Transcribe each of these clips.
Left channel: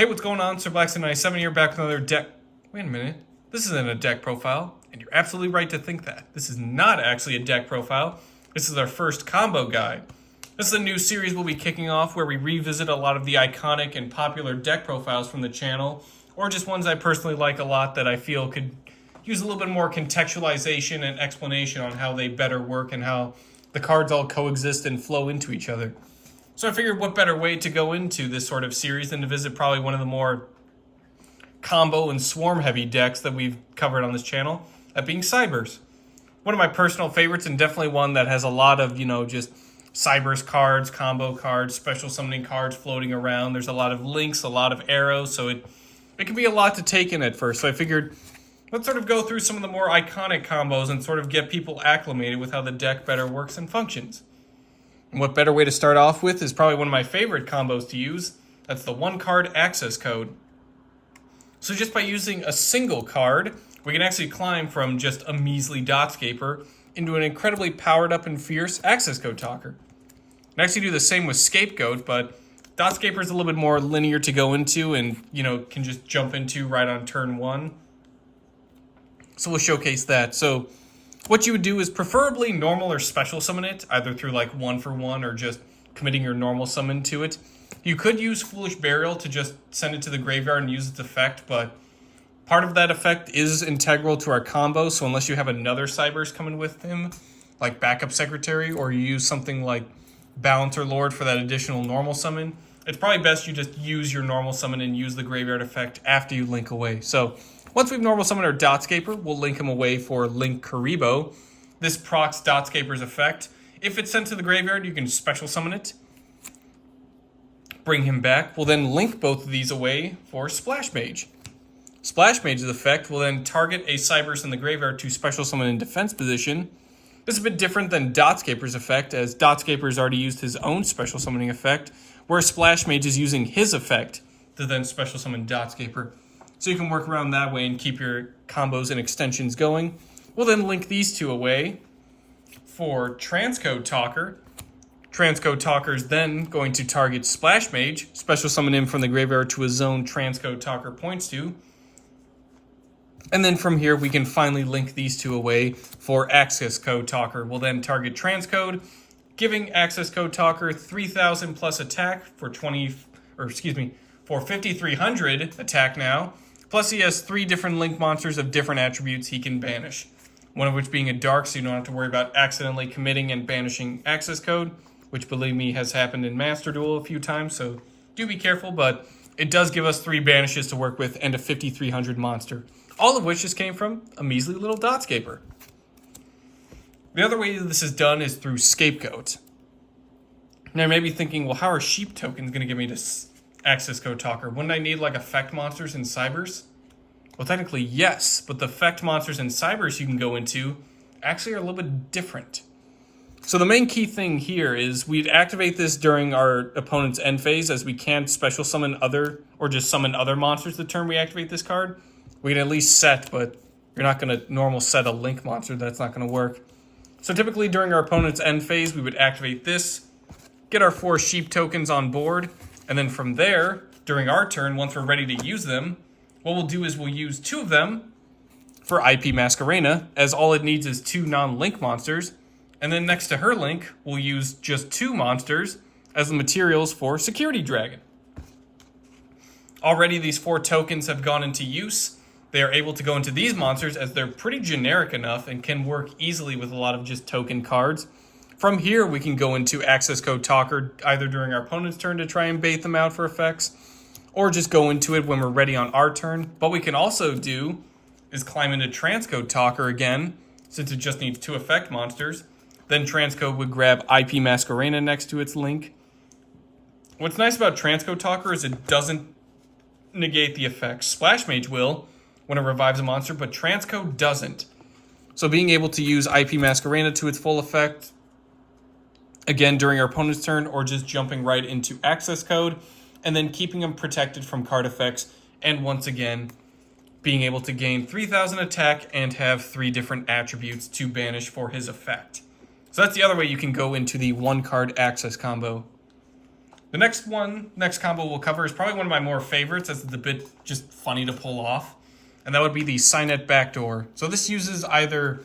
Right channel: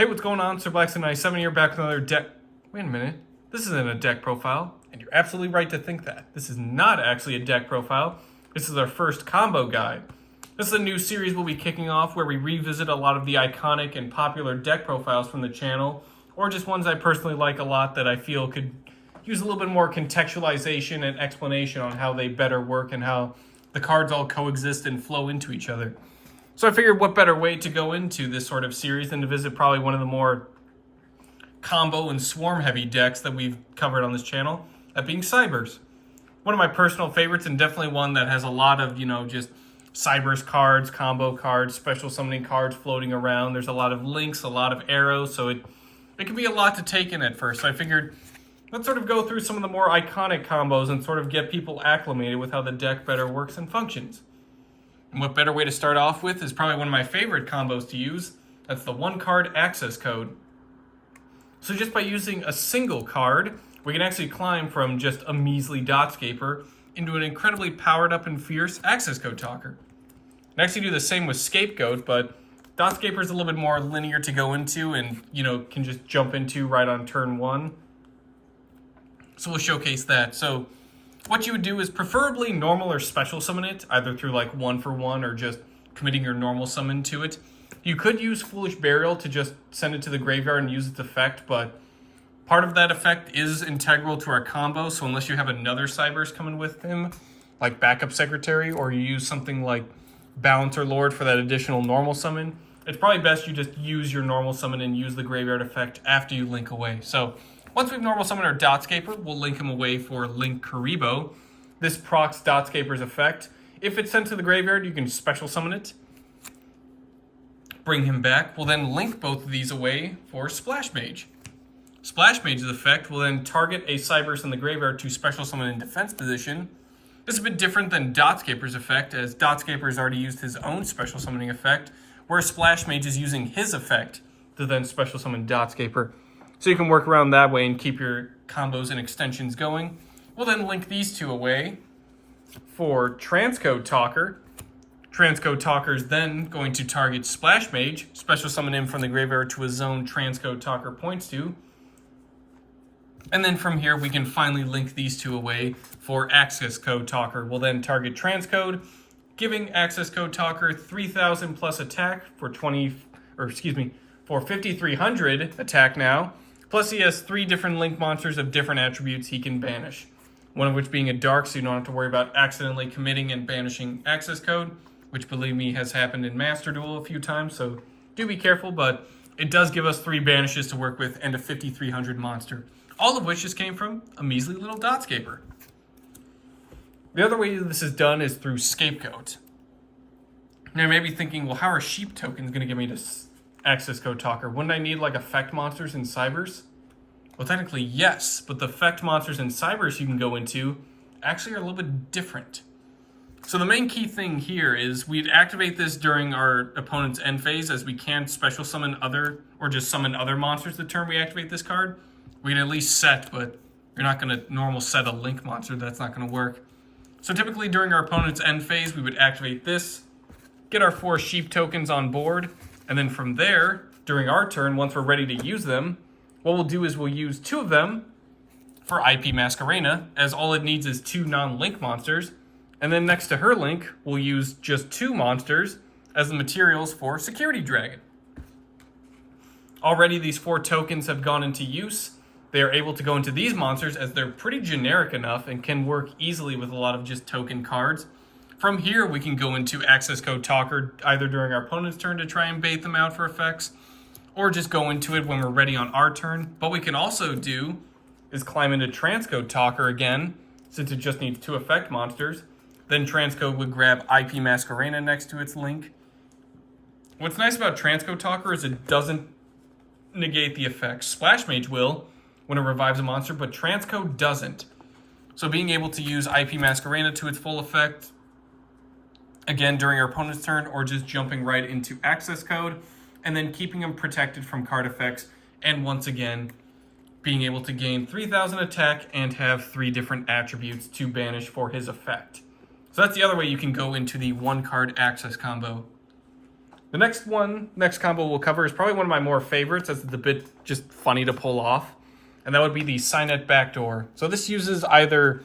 Hey, what's going on? Sir Blackson97 here, back with another deck. Wait a minute. This isn't a deck profile, and you're absolutely right to think that. This is not actually a deck profile. This is our first combo guide. This is a new series we'll be kicking off where we revisit a lot of the iconic and popular deck profiles from the channel, or just ones I personally like a lot that I feel could use a little bit more contextualization and explanation on how they better work and how the cards all coexist and flow into each other. So I figured what better way to go into this sort of series than to visit probably one of the more combo and swarm heavy decks that we've covered on this channel, that being Cyberse. One of my personal favorites, and definitely one that has a lot of, just Cyberse cards, combo cards, special summoning cards floating around. There's a lot of links, a lot of arrows, so it can be a lot to take in at first. So I figured let's sort of go through some of the more iconic combos and sort of get people acclimated with how the deck better works and functions. And what better way to start off with is probably one of my favorite combos to use. That's the one card access code. So just by using a single card, we can actually climb from just a measly Dotscaper into an incredibly powered up and fierce Accesscode Talker. I actually do the same with Scapegoat, but Dotscaper is a little bit more linear to go into and, can just jump into right on turn one. So we'll showcase that. So what you would do is preferably normal or special summon it, either through like 1-for-1 or just committing your normal summon to it. You could use Foolish Burial to just send it to the graveyard and use its effect, but part of that effect is integral to our combo, so unless you have another Cyberse coming with him, like Backup Secretary, or you use something like Balancer Lord for that additional normal summon, it's probably best you just use your normal summon and use the graveyard effect after you link away. So once we've normal summoned our Dotscaper, we'll link him away for Link Karibo. This procs Dotscaper's effect. If it's sent to the graveyard, you can special summon it. Bring him back. We'll then link both of these away for Splash Mage. Splash Mage's effect will then target a Cyberse in the graveyard to special summon in defense position. This is a bit different than Dotscaper's effect, as Dotscaper's already used his own special summoning effect, where Splash Mage is using his effect to then special summon Dotscaper. So you can work around that way and keep your combos and extensions going. We'll then link these two away for Transcode Talker. Transcode Talker is then going to target Splash Mage, special summon him from the graveyard to a zone Transcode Talker points to. And then from here, we can finally link these two away for Accesscode Talker. We'll then target Transcode, giving Accesscode Talker 3,000 plus attack for 5,300 attack now. Plus he has 3 different link monsters of different attributes he can banish. One of which being a dark, so you don't have to worry about accidentally committing and banishing access code, which believe me has happened in Master Duel a few times, so do be careful, but it does give us 3 banishes to work with and a 5,300 monster. All of which just came from a measly little Dotscaper. The other way this is done is through Scapegoat. Now you may be thinking, well, how are sheep tokens going to get me to Accesscode Talker? Wouldn't I need like effect monsters in Cyberse? Well, technically yes, but the effect monsters in Cyberse you can go into actually are a little bit different. So the main key thing here is we'd activate this during our opponent's end phase, as we can't special summon other or just summon other monsters the turn we activate this card. We can at least set, but you're not going to normal set a link monster. That's not going to work. So typically during our opponent's end phase, we would activate this, get our 4 sheep tokens on board, and then from there, during our turn, once we're ready to use them, what we'll do is we'll use 2 of them for IP Masquerena, as all it needs is 2 non-link monsters, and then next to her link, we'll use just 2 monsters as the materials for Security Dragon. Already these 4 tokens have gone into use. They are able to go into these monsters as they're pretty generic enough and can work easily with a lot of just token cards. From here, we can go into Accesscode Talker either during our opponent's turn to try and bait them out for effects, or just go into it when we're ready on our turn. What we can also do is climb into Transcode Talker again, since it just needs 2 effect monsters. Then Transcode would grab IP Masquerena next to its link. What's nice about Transcode Talker is it doesn't negate the effects. Splash Mage will when it revives a monster, but Transcode doesn't. So being able to use IP Masquerena to its full effect, again during our opponent's turn, or just jumping right into access code, and then keeping them protected from card effects, and once again, being able to gain 3,000 attack and have 3 different attributes to banish for his effect. So that's the other way you can go into the 1 card access combo. The next combo we'll cover is probably one of my more favorites, as it's a bit just funny to pull off. And that would be the Cynet Backdoor. So this uses either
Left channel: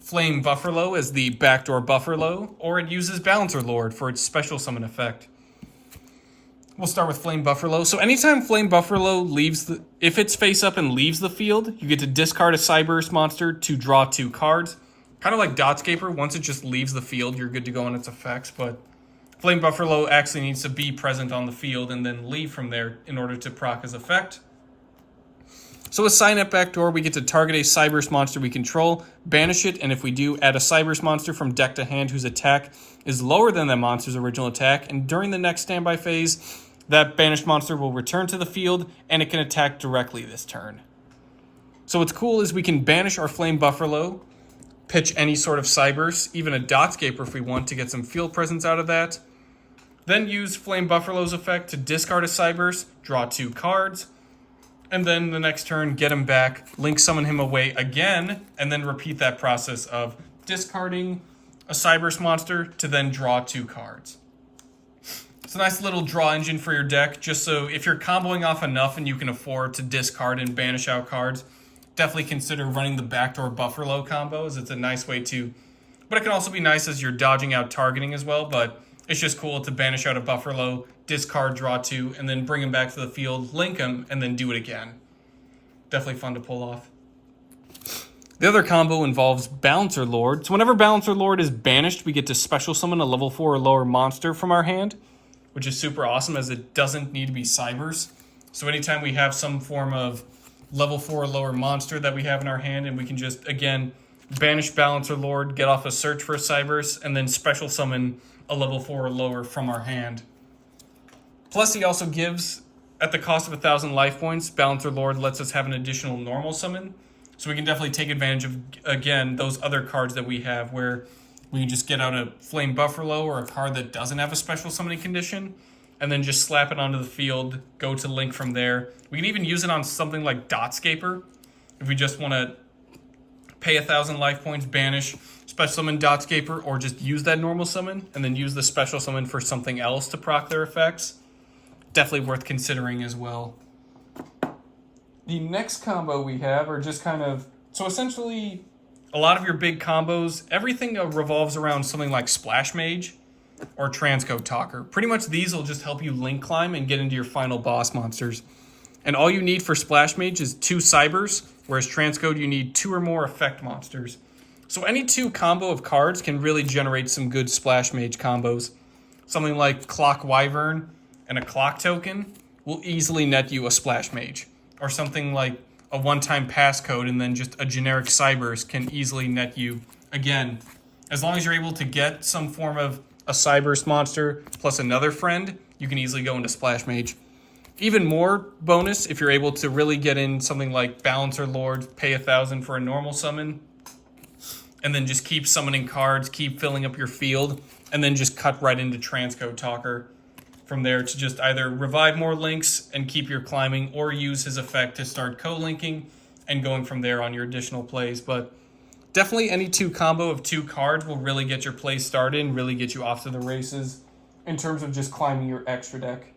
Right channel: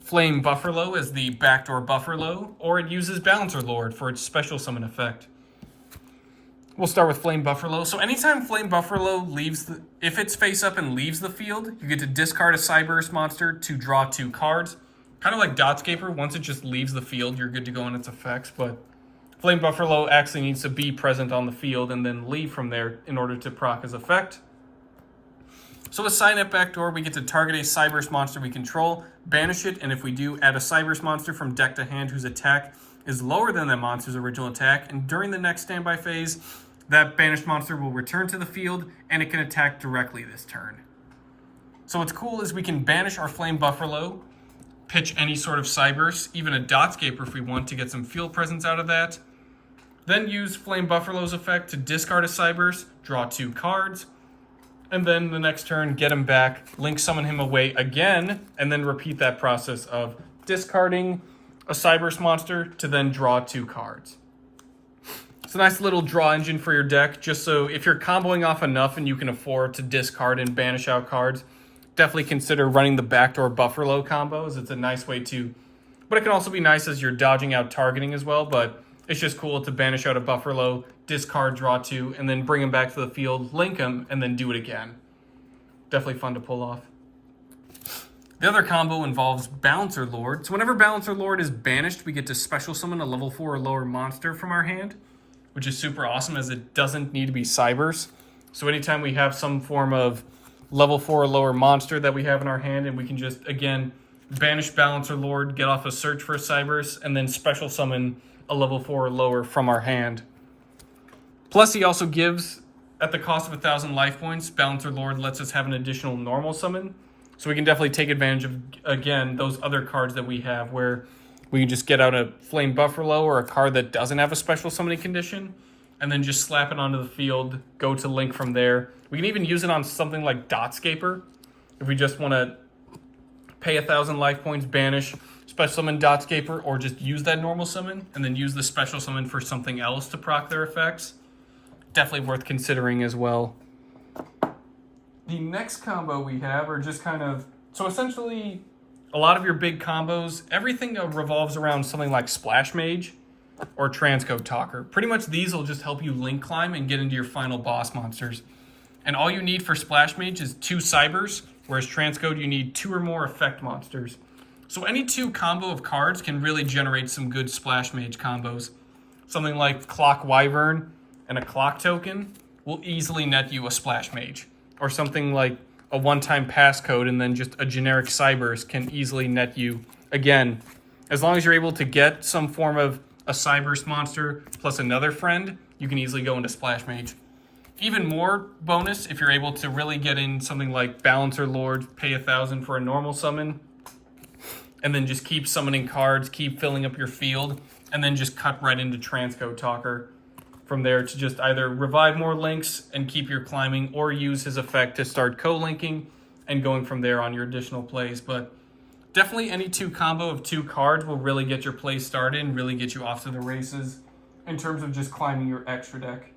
Flame Buffalo as the backdoor Buffalo, or it uses Balancer Lord for its special summon effect. We'll start with Flame Buffalo. So anytime Flame Buffalo leaves, if it's face up and leaves the field, you get to discard a Cyberse monster to draw 2 cards. Kind of like Dotscaper, once it just leaves the field, you're good to go on its effects, but Flame Buffalo actually needs to be present on the field and then leave from there in order to proc his effect. So with Cynet Backdoor, we get to target a Cyberse monster we control, banish it, and if we do, add a Cyberse monster from deck to hand whose attack is lower than that monster's original attack, and during the next standby phase, that banished monster will return to the field, and it can attack directly this turn. So what's cool is we can banish our Flame Buffalo, pitch any sort of Cyberse, even a Dotscaper if we want to get some field presence out of that, then use Flame Buffalo's effect to discard a Cyberse, draw 2 cards, and then the next turn, get him back, link summon him away again, and then repeat that process of discarding a Cyberse monster to then draw 2 cards. It's a nice little draw engine for your deck, just so if you're comboing off enough and you can afford to discard and banish out cards, definitely consider running the Backdoor Buffalo combos. It's a nice way to, but it can also be nice as you're dodging out targeting as well, but it's just cool to banish out a Buffalo, discard, draw 2, and then bring him back to the field, link him, and then do it again. Definitely fun to pull off. The other combo involves Balancer Lord. So whenever Balancer Lord is banished, we get to special summon a level 4 or lower monster from our hand, which is super awesome as it doesn't need to be Cyberse. So anytime we have some form of level 4 or lower monster that we have in our hand, and we can just, again, banish Balancer Lord, get off a search for a Cyberse, and then special summon a level 4 or lower from our hand. Plus, he also gives, at the cost of 1,000 life points, Balancer Lord lets us have an additional normal summon. So we can definitely take advantage of, again, those other cards that we have where we can just get out a Flame Buffalo or a card that doesn't have a special summoning condition, and then just slap it onto the field, go to link from there. We can even use it on something like Dotscaper if we just want to pay 1,000 life points, banish, special summon Dotscaper, or just use that normal summon and then use the special summon for something else to proc their effects. Definitely worth considering as well. The next combo we have are just kind of, so essentially a lot of your big combos, everything revolves around something like Splash Mage or Accesscode Talker. Pretty much these will just help you link climb and get into your final boss monsters. And all you need for Splash Mage is 2 Cyberse, whereas Accesscode you need 2 or more effect monsters. So any 2 combo of cards can really generate some good Splash Mage combos. Something like Clock Wyvern and a Clock Token will easily net you a Splash Mage. Or something like a one-time passcode and then just a generic Cyberse can easily net you. Again, as long as you're able to get some form of a Cyberse monster plus another friend, you can easily go into Splash Mage. Even more bonus if you're able to really get in something like Balancer Lord, pay 1,000 for a normal summon, and then just keep summoning cards, keep filling up your field, and then just cut right into Accesscode Talker from there to just either revive more links and keep your climbing, or use his effect to start co-linking and going from there on your additional plays. But definitely any 2 combo of 2 cards will really get your play started and really get you off to the races in terms of just climbing your extra deck.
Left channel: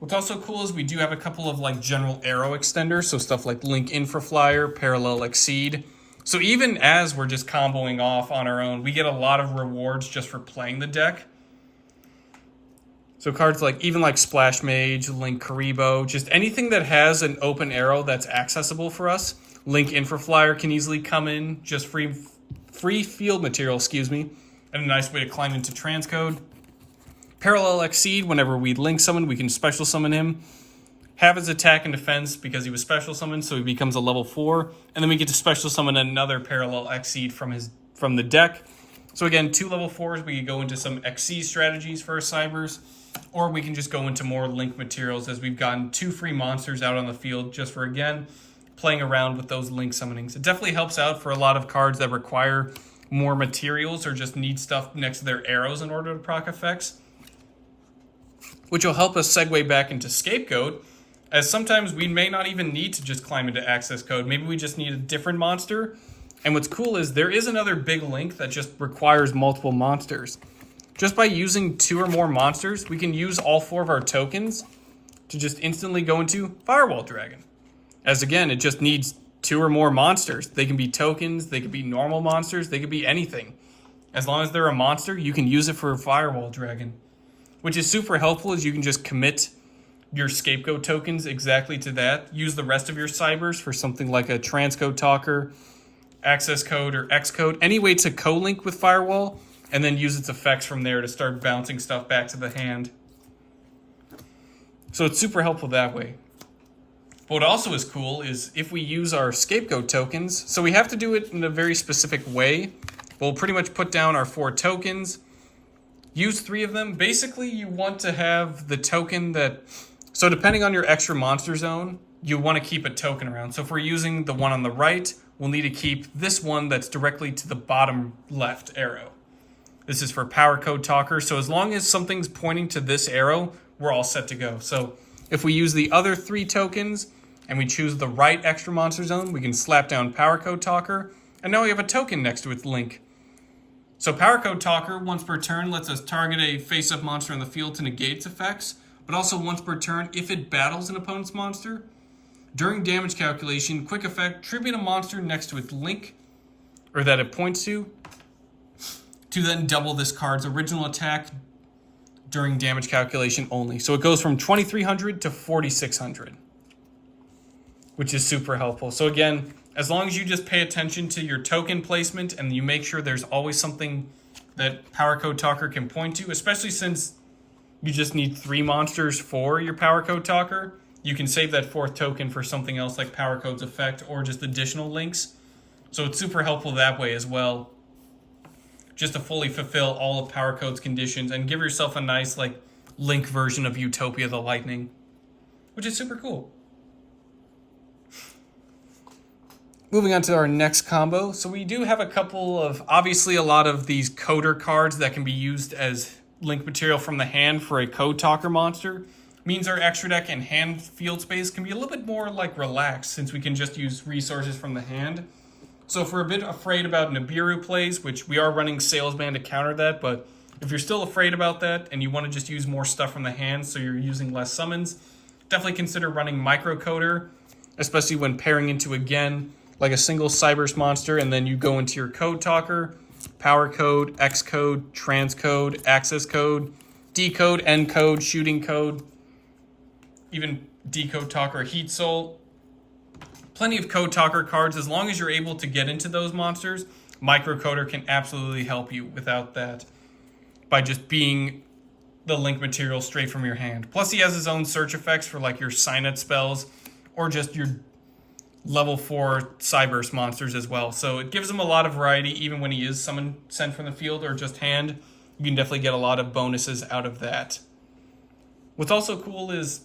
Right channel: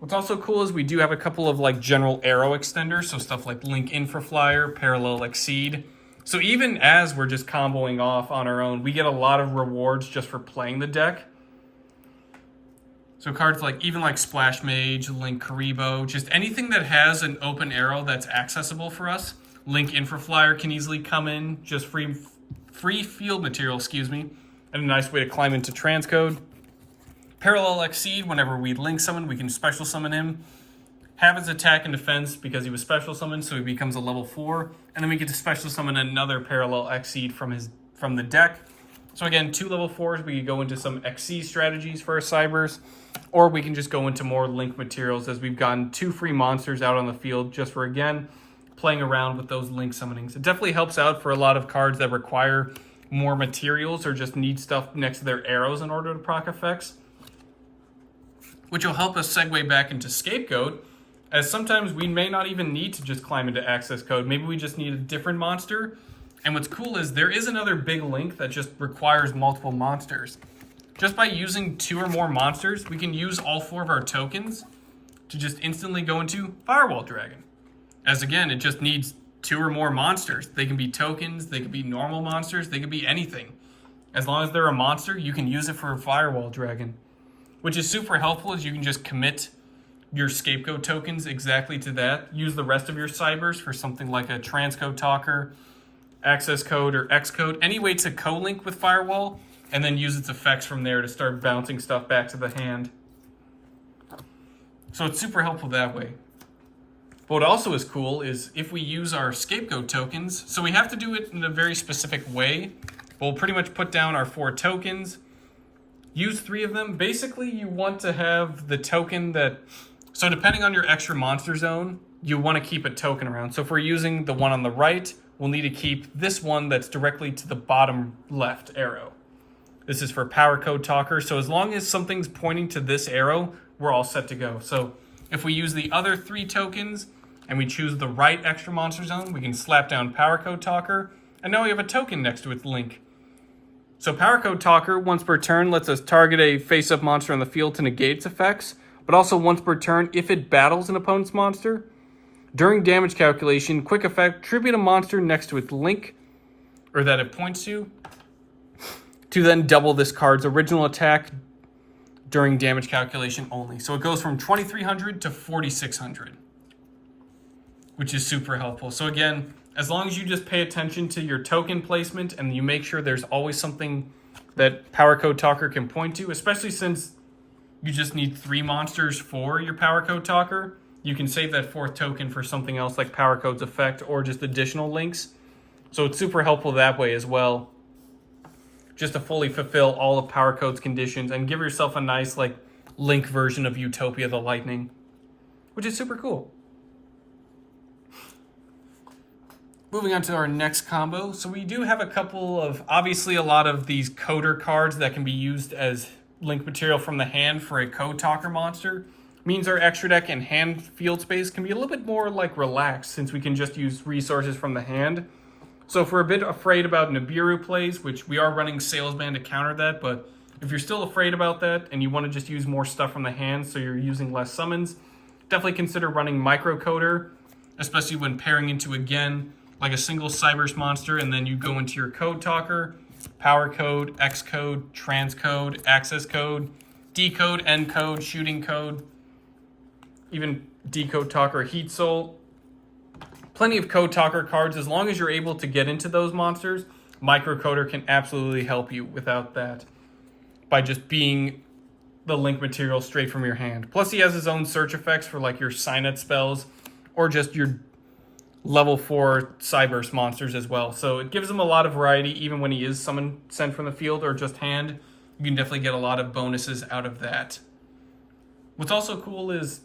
What's also cool is we do have a couple of like general arrow extenders, so stuff like Link Infraflyer, Parallel Exceed. So even as we're just comboing off on our own, we get a lot of rewards just for playing the deck. So cards like, even like Splash Mage, Link Karibo, just anything that has an open arrow that's accessible for us. Link Infraflyer can easily come in, just free field material, and a nice way to climb into Accesscode. Parallel Exceed, whenever we link summon, we can special summon him. Have his attack and defense because he was special summoned, so he becomes a level 4. And then we get to special summon another Parallel Exceed from the deck. So again, 2 level 4s, we could go into some Exceed strategies for our Cyberse, or we can just go into more link materials as we've gotten 2 free monsters out on the field just for, again, playing around with those link summonings. It definitely helps out for a lot of cards that require more materials or just need stuff next to their arrows in order to proc effects, which will help us segue back into Scapegoat, as sometimes we may not even need to just climb into Accesscode. Maybe we just need a different monster. And what's cool is there is another big link that just requires multiple monsters. just by using 2 or more monsters, we can use all 4 of our tokens to just instantly go into Firewall Dragon. As again, it just needs 2 or more monsters. They can be tokens, they could be normal monsters, they could be anything. As long as they're a monster, you can use it for Firewall Dragon. Which is super helpful, as you can just commit your scapegoat tokens exactly to that. Use the rest of your Cyberse for something like a Accesscode Talker, Accesscode, or Xcode. Any way to co-link with Firewall, and then use its effects from there to start bouncing stuff back to the hand. So it's super helpful that way. But what also is cool is if we use our scapegoat tokens, so we have to do it in a very specific way. We'll pretty much put down our 4 tokens, use 3 of them. Basically, you want to have the token that, so depending on your extra monster zone, you want to keep a token around. So if we're using the one on the right, we'll need to keep this one that's directly to the bottom left arrow. This is for Power Code Talker. So as long as something's pointing to this arrow, we're all set to go. So if we use the other 3 tokens and we choose the right extra monster zone, we can slap down Power Code Talker, and now we have a token next to its link. So Power Code Talker, once per turn, lets us target a face-up monster on the field to negate its effects, but also once per turn if it battles an opponent's monster. During damage calculation, quick effect, tribute a monster next to its link, or that it points to then double this card's original attack during damage calculation only. So it goes from 2,300 to 4,600, which is super helpful. So again, as long as you just pay attention to your token placement and you make sure there's always something that Power Code Talker can point to, especially since you just need 3 monsters for your Power Code Talker, you can save that 4th token for something else like Power Code's effect or just additional links. So it's super helpful that way as well, just to fully fulfill all of Power Code's conditions and give yourself a nice like link version of Utopia the Lightning, which is super cool. Moving on to our next combo. So we do have a couple of, obviously a lot of these coder cards that can be used as link material from the hand for a Code Talker monster. Means our extra deck and hand field space can be a little bit more like relaxed since we can just use resources from the hand. So if we're a bit afraid about Nibiru plays, which we are running Salesman to counter that, but if you're still afraid about that and you want to just use more stuff from the hand so you're using less summons, definitely consider running Microcoder, especially when pairing into, again, like a single Cyberse monster, and then you go into your Code Talker, Power Code, Xcode, Transcode, Accesscode, Decode, Encode, Shooting Code, even Decode Talker, Heat Soul. Plenty of Code Talker cards. As long as you're able to get into those monsters, Microcoder can absolutely help you without that, by just being the link material straight from your hand. Plus he has his own search effects for like your Cynet spells or just your level 4 Cyberse monsters as well. So it gives him a lot of variety even when he is sent from the field or just hand. You can definitely get a lot of bonuses out of that. What's also cool is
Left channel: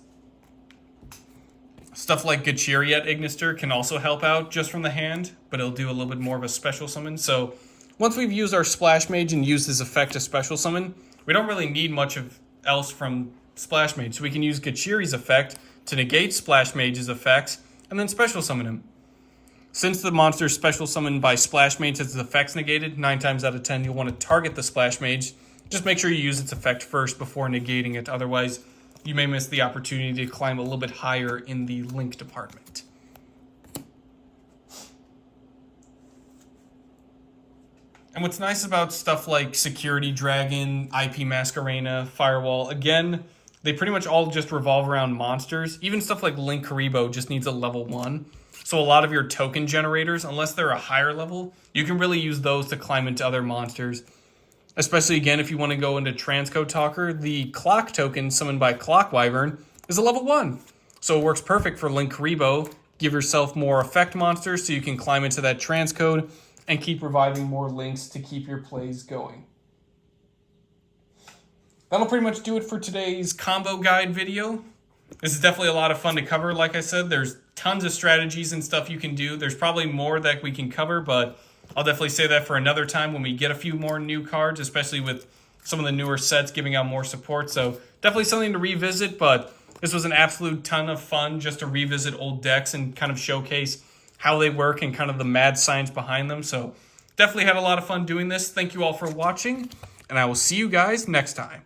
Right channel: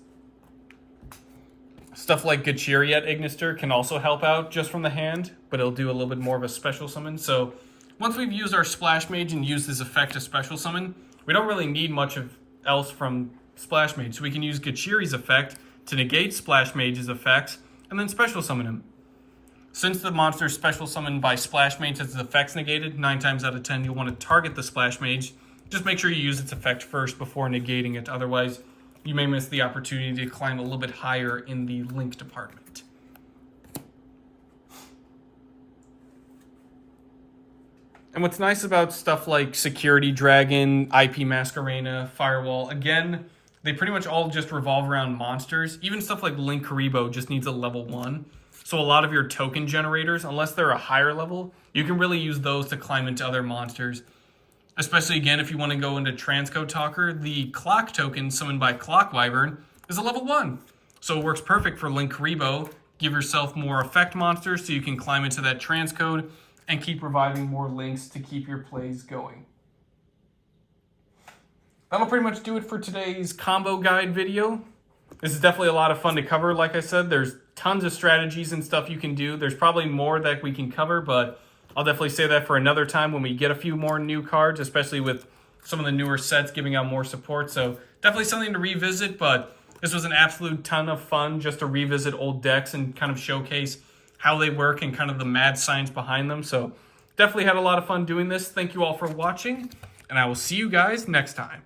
stuff like Gachiriet Ignister can also help out just from the hand, but it'll do a little bit more of a special summon. So once we've used our Splash Mage and used this effect to special summon, we don't really need much else from Splash Mage. So we can use Gachiri's effect to negate Splash Mage's effects and then special summon him. Since the monster is special summoned by Splash Mage has its effects negated, 9 times out of 10 you'll want to target the Splash Mage. Just make sure you use its effect first before negating it, otherwise you may miss the opportunity to climb a little bit higher in the link department. And what's nice about stuff like Security Dragon, IP Masquerena, Firewall, again, they pretty much all just revolve around monsters. Even stuff like Link Karibo just needs a level 1. So a lot of your token generators, unless they're a higher level, you can really use those to climb into other monsters. Especially, again, if you want to go into Transcode Talker, the Clock token summoned by Clock Wyvern is a level 1. So it works perfect for Link Karibo. Give yourself more effect monsters so you can climb into that Transcode and keep reviving more links to keep your plays going. That'll pretty much do it for today's combo guide video. This is definitely a lot of fun to cover. Like I said, there's tons of strategies and stuff you can do. There's probably more that we can cover, but I'll definitely say that for another time when we get a few more new cards, especially with some of the newer sets giving out more support. So definitely something to revisit, but this was an absolute ton of fun just to revisit old decks and kind of showcase how they work and kind of the mad science behind them. So definitely had a lot of fun doing this. Thank you all for watching. and I will see you guys next time.